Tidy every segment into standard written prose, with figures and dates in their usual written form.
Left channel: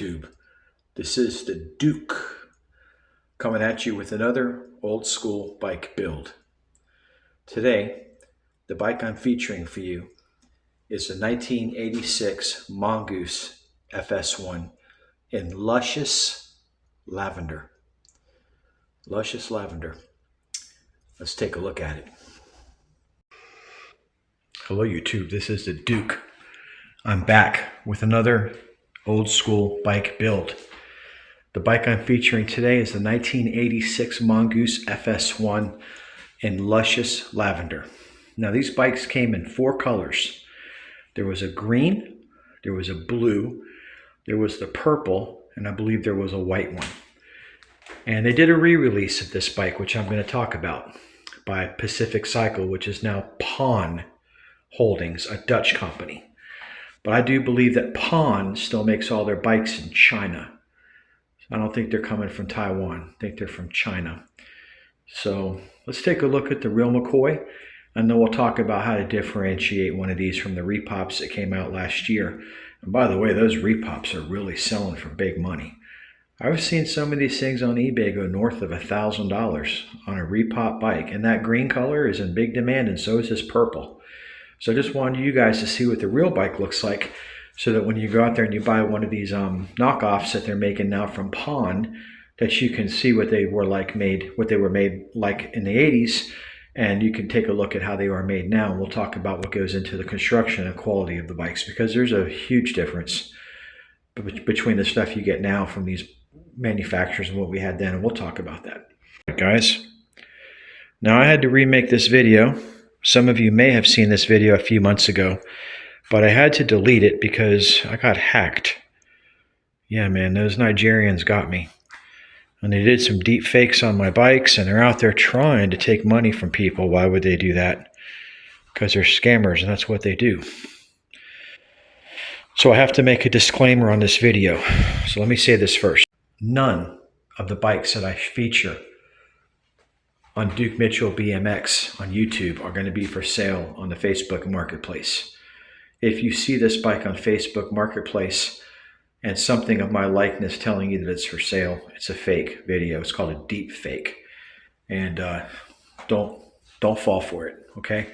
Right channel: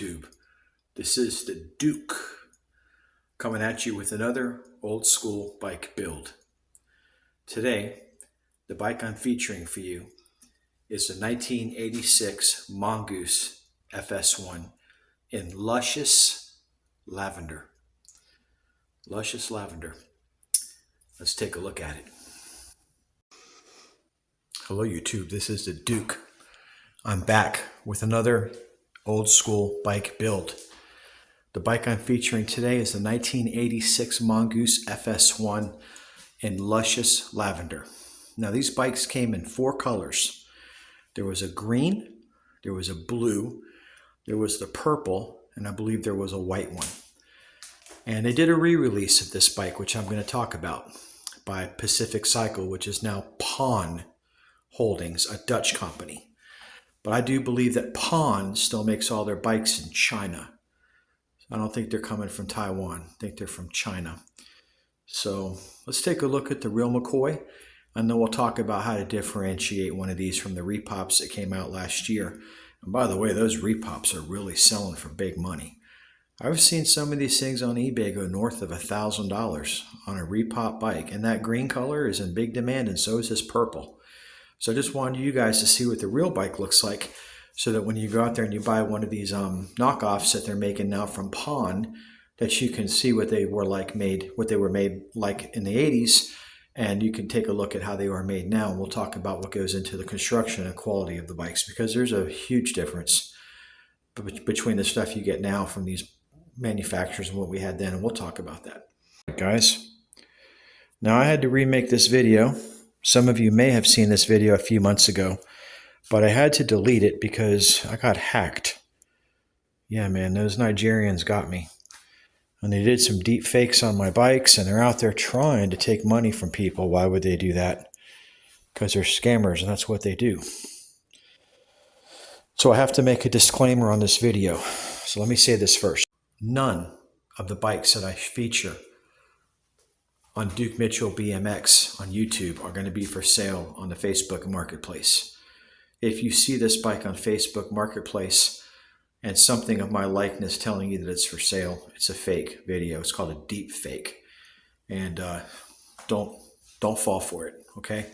YouTube. This is the Duke coming at you with another old school bike build. Today, the bike I'm featuring for you is a 1986 Mongoose FS1 in Lucious Lavender. Lucious Lavender. Let's take a look at it. Hello YouTube, this is the Duke. I'm back with another old school bike build. The bike I'm featuring today is the 1986 Mongoose FS1 in Lucious Lavender. Now these bikes came in 4 colors. There was a green, there was a blue, there was the purple, and I believe there was a white one. And they did a re-release of this bike, which I'm going to talk about, by Pacific Cycle, which is now Pawn Holdings, a Dutch company. But I do believe that Pawn still makes all their bikes in China. I don't think they're coming from Taiwan. I think they're from China. So let's take a look at the real McCoy, and then we'll talk about how to differentiate one of these from the repops that came out last year. And by the way, those repops are really selling for big money. I've seen some of these things on eBay go north of $1,000 on a repop bike, and that green color is in big demand, and so is this purple. So I just wanted you guys to see what the real bike looks like, so that when you go out there and you buy one of these knockoffs that they're making now from Pawn, that you can see what they were made like in the 80s, and you can take a look at how they are made now. And we'll talk about what goes into the construction and quality of the bikes, because there's a huge difference between the stuff you get now from these manufacturers and what we had then, and we'll talk about that. Guys, now I had to remake this video. Some of you may have seen this video a few months ago, but I had to delete it because I got hacked. Yeah, man, those Nigerians got me. And they did some deep fakes on my bikes, and they're out there trying to take money from people. Why would they do that? Because they're scammers, and that's what they do. So I have to make a disclaimer on this video. So let me say this first. None of the bikes that I feature on Duke Mitchell BMX on YouTube are going to be for sale on the Facebook Marketplace. If you see this bike on Facebook Marketplace and something of my likeness telling you that it's for sale, it's a fake video. It's called a deep fake. And don't fall for it, okay?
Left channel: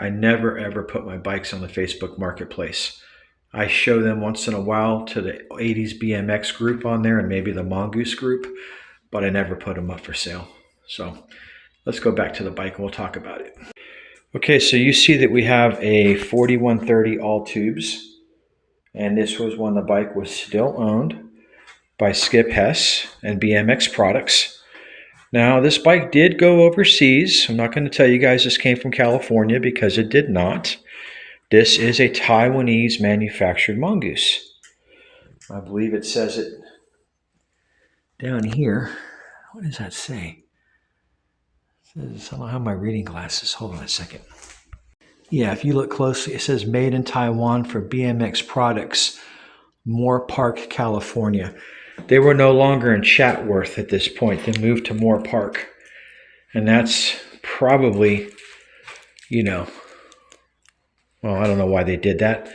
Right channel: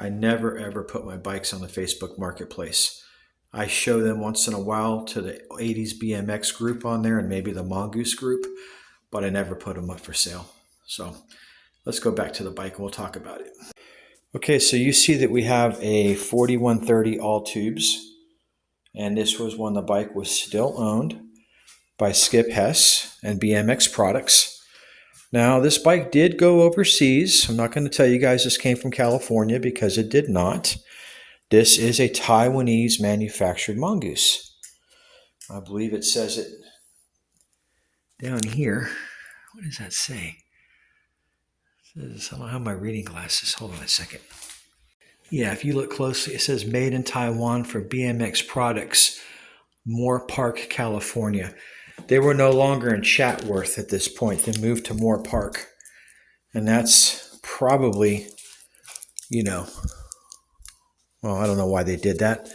I never ever put my bikes on the Facebook Marketplace. I show them once in a while to the 80s BMX group on there and maybe the Mongoose group, but I never put them up for sale. So let's go back to the bike and we'll talk about it. Okay, so you see that we have a 4130 all tubes, and this was when the bike was still owned by Skip Hess and BMX Products. Now this bike did go overseas. I'm not going to tell you guys this came from California, because it did not. This is a Taiwanese manufactured Mongoose. I believe it says it down here. What does that say? I don't have my reading glasses. Hold on a second. Yeah, if you look closely, it says made in Taiwan for BMX Products, Moore Park, California. They were no longer in Chatworth at this point. They moved to Moore Park. And that's probably, well, I don't know why they did that.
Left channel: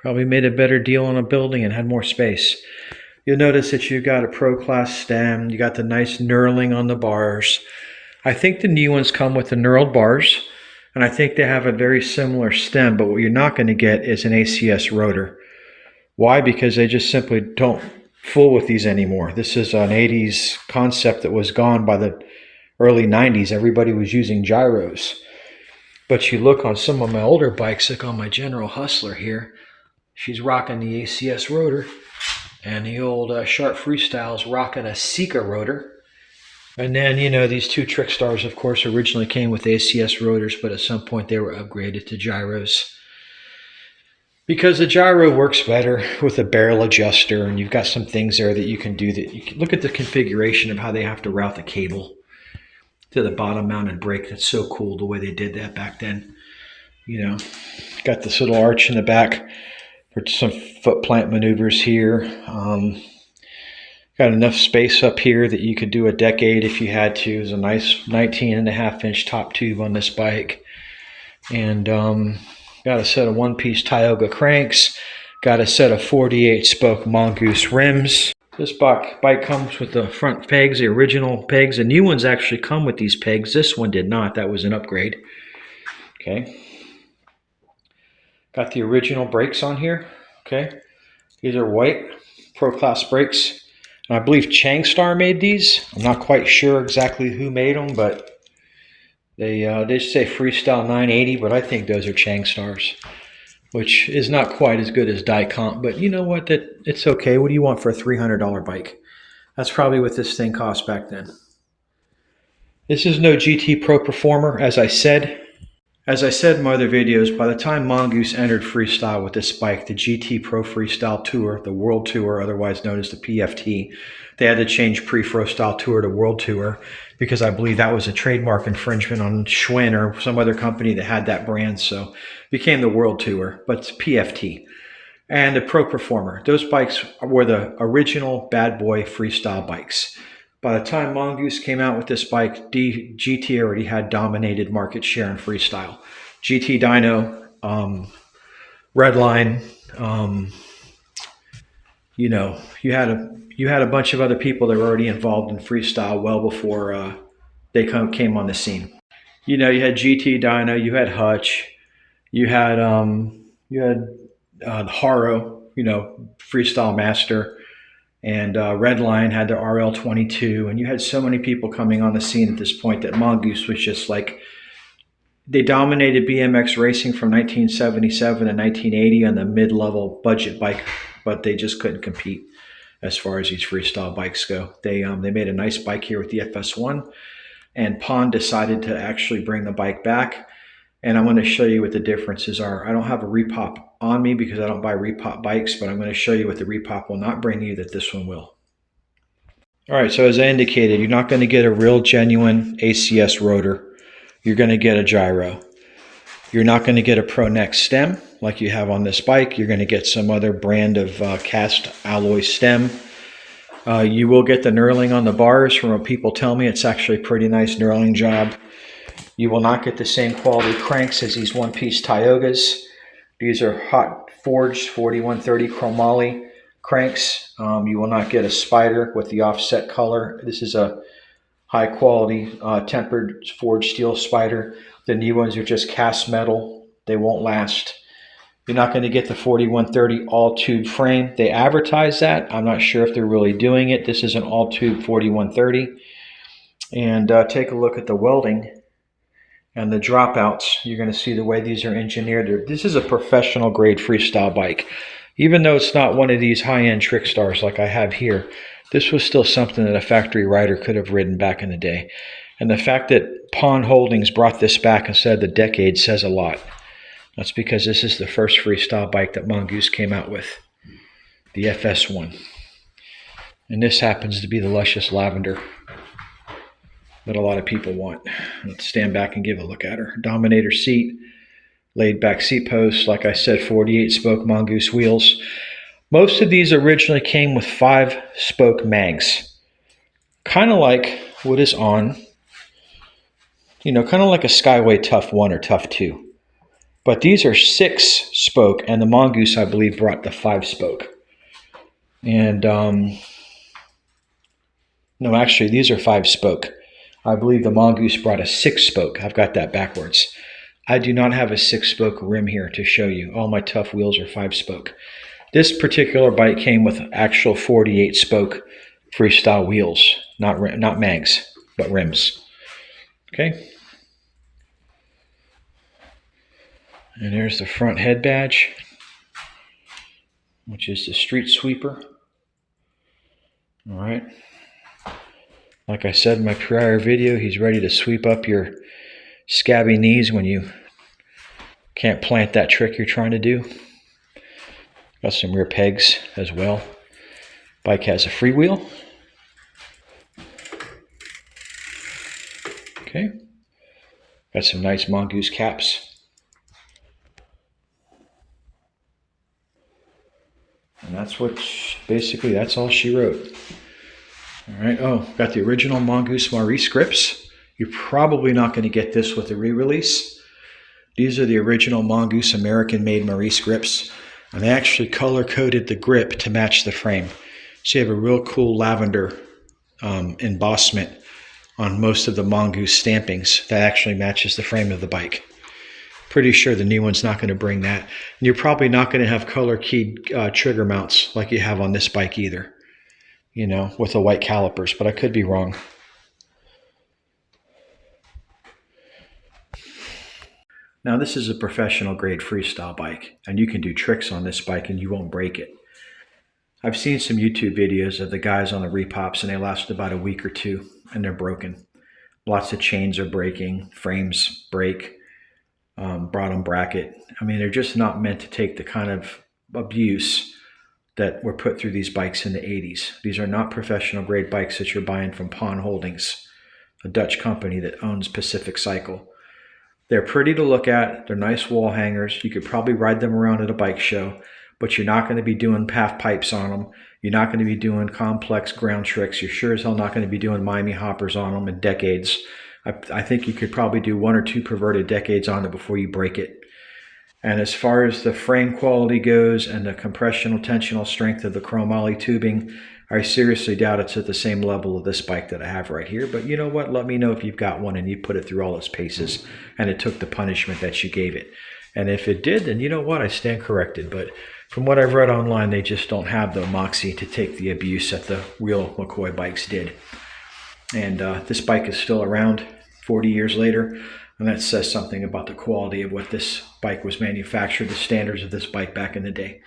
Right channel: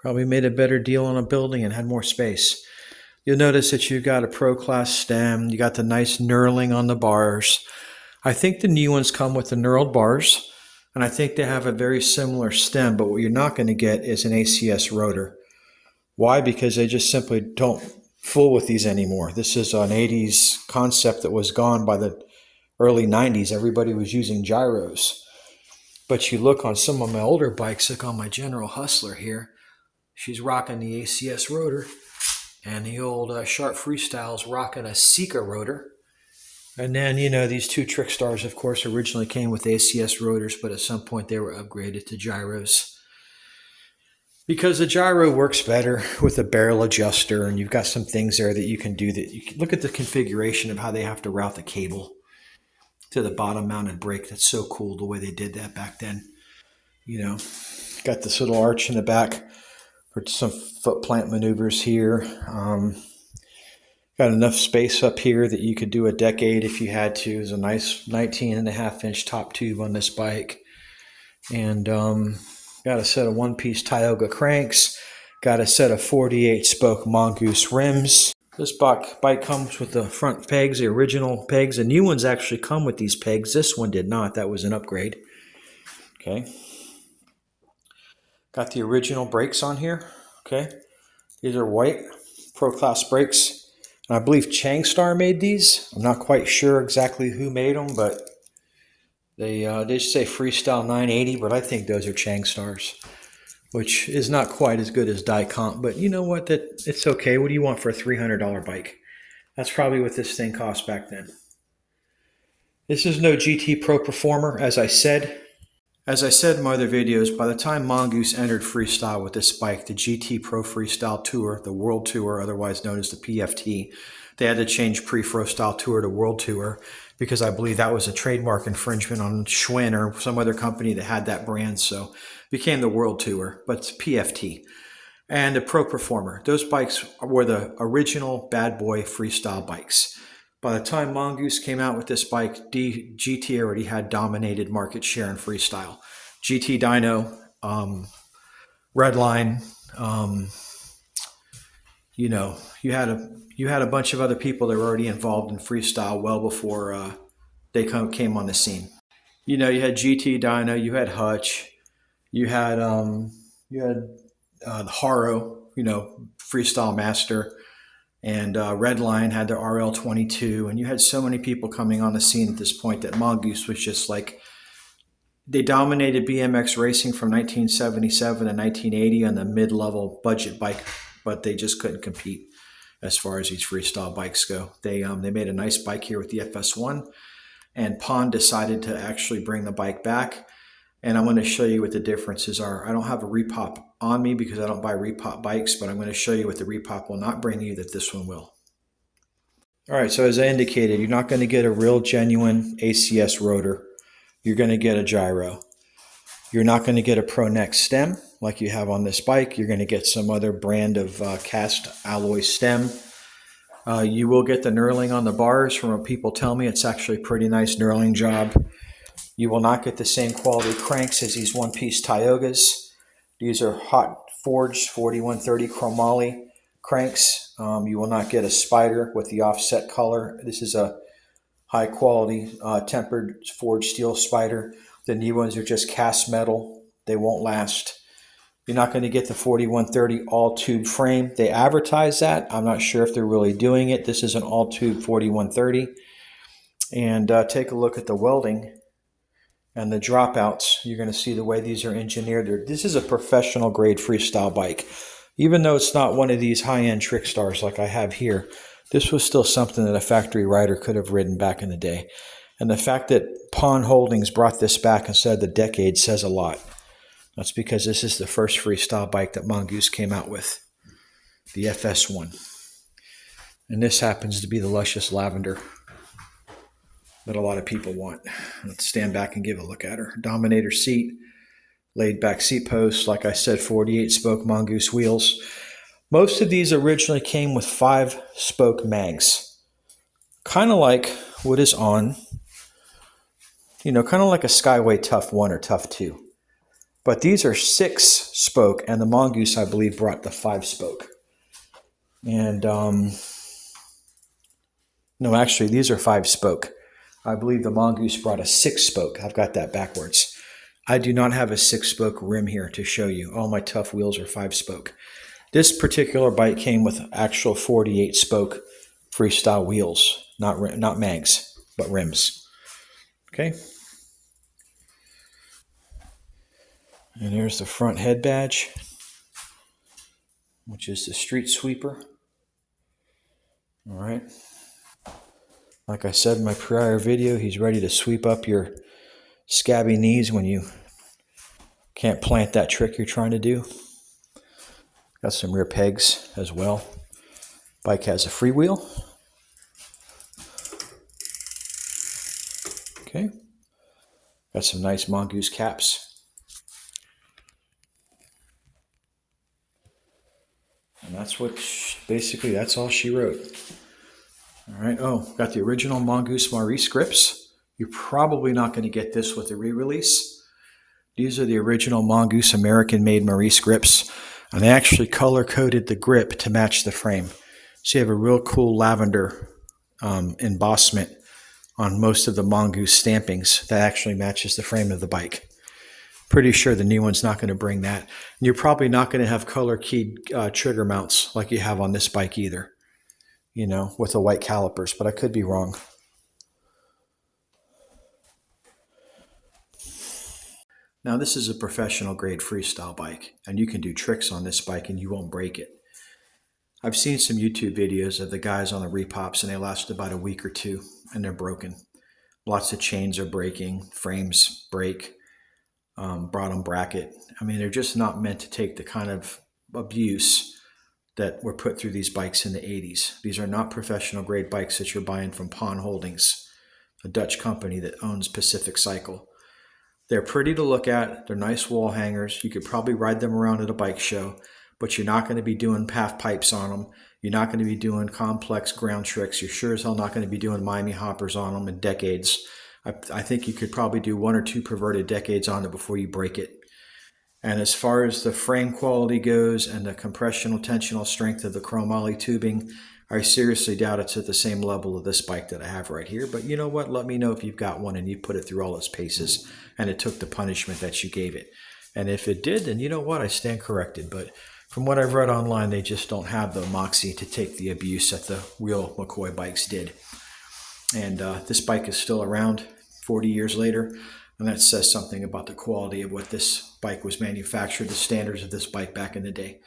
Probably made a better deal on a building and had more space. You'll notice that you've got a Pro Class stem. You got the nice knurling on the bars. I think the new ones come with the knurled bars, and I think they have a very similar stem, but what you're not going to get is an ACS rotor. Why? Because they just simply don't fool with these anymore. This is an 80s concept that was gone by the early 90s. Everybody was using gyros. But you look on some of my older bikes, like on my General Hustler here, she's rocking the ACS rotor, and the old Sharp Freestyle's rocking a Sika rotor. And then, these two Trickstars, of course, originally came with ACS rotors, but at some point they were upgraded to gyros. Because the gyro works better with a barrel adjuster, and you've got some things there that you can do. That you can look at the configuration of how they have to route the cable to the bottom mounted brake. That's so cool the way they did that back then. Got this little arch in the back for some foot plant maneuvers here. Got enough space up here that you could do a decade if you had to. There's a nice 19.5-inch top tube on this bike. And got a set of one-piece Tioga cranks. Got a set of 48 spoke Mongoose rims. This bike comes with the front pegs, the original pegs. The new ones actually come with these pegs. This one did not. That was an upgrade. Okay. Got the original brakes on here. Okay. These are white Pro Class brakes. And I believe Changstar made these. I'm not quite sure exactly who made them, but they say Freestyle 980, but I think those are Changstars, which is not quite as good as Dicomp, but you know what? It's okay. What do you want for a $300 bike? That's probably what this thing cost back then. This is no GT Pro Performer, as I said. As I said in my other videos, by the time Mongoose entered freestyle with this bike, the GT Pro Freestyle Tour, the World Tour, otherwise known as the PFT, they had to change Pre-Freestyle Tour to World Tour because I believe that was a trademark infringement on Schwinn or some other company that had that brand, so it became the World Tour, but it's PFT. And the Pro Performer. Those bikes were the original bad boy freestyle bikes. By the time Mongoose came out with this bike, GT already had dominated market share in freestyle. GT Dyno, Redline, you know, you had a bunch of other people that were already involved in freestyle well before they came on the scene. You know, you had GT Dyno, you had Hutch, you had Haro, you know, Freestyle Master. And Redline had their RL22, and you had so many people coming on the scene at this point that Mongoose was just like, they dominated BMX racing from 1977 to 1980 on the mid-level budget bike, but they just couldn't compete as far as these freestyle bikes go. They made a nice bike here with the FS1, and Pond decided to actually bring the bike back. And I'm going to show you what the differences are. I don't have a repop on me because I don't buy repop bikes, but I'm going to show you what the repop will not bring you that this one will. All right, so as I indicated, you're not going to get a real genuine ACS rotor. You're going to get a gyro. You're not going to get a Pro Neck stem like you have on this bike. You're going to get some other brand of cast alloy stem. You will get the knurling on the bars. From what people tell me, it's actually a pretty nice knurling job. You will not get the same quality cranks as these one-piece Tiogas. These are hot forged 4130 chromoly cranks. You will not get a spider with the offset color. This is a high quality tempered forged steel spider. The new ones are just cast metal. They won't last. You're not going to get the 4130 all tube frame. They advertise that. I'm not sure if they're really doing it. This is an all tube 4130. And take a look at the welding and the dropouts. You're going to see the way these are engineered. This is a professional grade freestyle bike. Even though it's not one of these high-end trick stars like I have here, this was still something that a factory rider could have ridden back in the day. And the fact that Pond Holdings brought this back instead of the Decade says a lot. That's because this is the first freestyle bike that Mongoose came out with, the FS1. And this happens to be the Lucious Lavender that a lot of people want. Let's stand back and give a look at her. Dominator seat, laid back seat posts, like I said, 48 spoke Mongoose wheels. Most of these originally came with 5-spoke mags. Kind of like what is on, you know, kind of like a Skyway Tough 1 or Tough 2. But these are 6-spoke, and the Mongoose, I believe, brought the 5-spoke. And, no, actually, these are 5-spoke. I believe the Mongoose brought a 6-spoke. I've got that backwards. I do not have a 6-spoke rim here to show you. All my Tough wheels are 5-spoke. This particular bike came with actual 48-spoke freestyle wheels, not mags, but rims. Okay. And there's the front head badge, which is the street sweeper. All right. Like I said in my prior video, he's ready to sweep up your scabby knees when you can't plant that trick you're trying to do. Got some rear pegs as well. Bike has a freewheel. Okay. Got some nice Mongoose caps. And that's that's all she wrote. All right, oh, got the original Mongoose Maurice grips. You're probably not going to get this with the re-release. These are the original Mongoose American-made Maurice grips. And they actually color coded the grip to match the frame. So you have a real cool lavender embossment on most of the Mongoose stampings that actually matches the frame of the bike. Pretty sure the new one's not going to bring that. And you're probably not going to have color keyed trigger mounts like you have on this bike either, you know, with the white calipers, but I could be wrong. Now this is a professional grade freestyle bike, and you can do tricks on this bike and you won't break it. I've seen some YouTube videos of the guys on the repops, and they last about a week or two and they're broken. Lots of chains are breaking, frames break, bottom bracket. I mean, they're just not meant to take the kind of abuse that were put through these bikes in the 80s. These are not professional grade bikes that you're buying from Pawn Holdings, a Dutch company that owns Pacific Cycle. They're pretty to look at. They're nice wall hangers. You could probably ride them around at a bike show, but you're not going to be doing half pipes on them. You're not going to be doing complex ground tricks. You're sure as hell not going to be doing Miami hoppers on them in decades. I think you could probably do 1 or 2 perverted decades on it before you break it. And as far as the frame quality goes and the compressional tensional strength of the chromoly tubing, I seriously doubt it's at the same level of this bike that I have right here. But you know what? Let me know if you've got one and you put it through all its paces and it took the punishment that you gave it. And if it did, then you know what? I stand corrected. But from what I've read online, they just don't have the moxie to take the abuse that the real McCoy bikes did. And this bike is still around 40 years later. And that says something about the quality of what this bike was manufactured, the standards of this bike back in the day.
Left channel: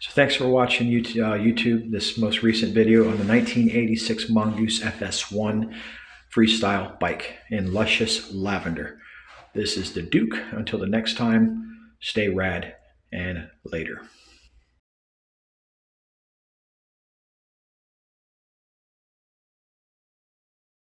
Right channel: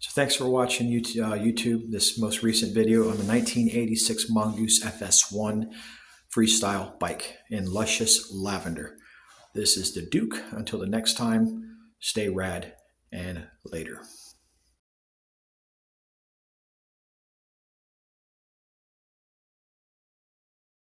So thanks for watching YouTube, this most recent video on the 1986 Mongoose FS1 Freestyle Bike in Lucious Lavender. This is the Duke. Until the next time, stay rad and later.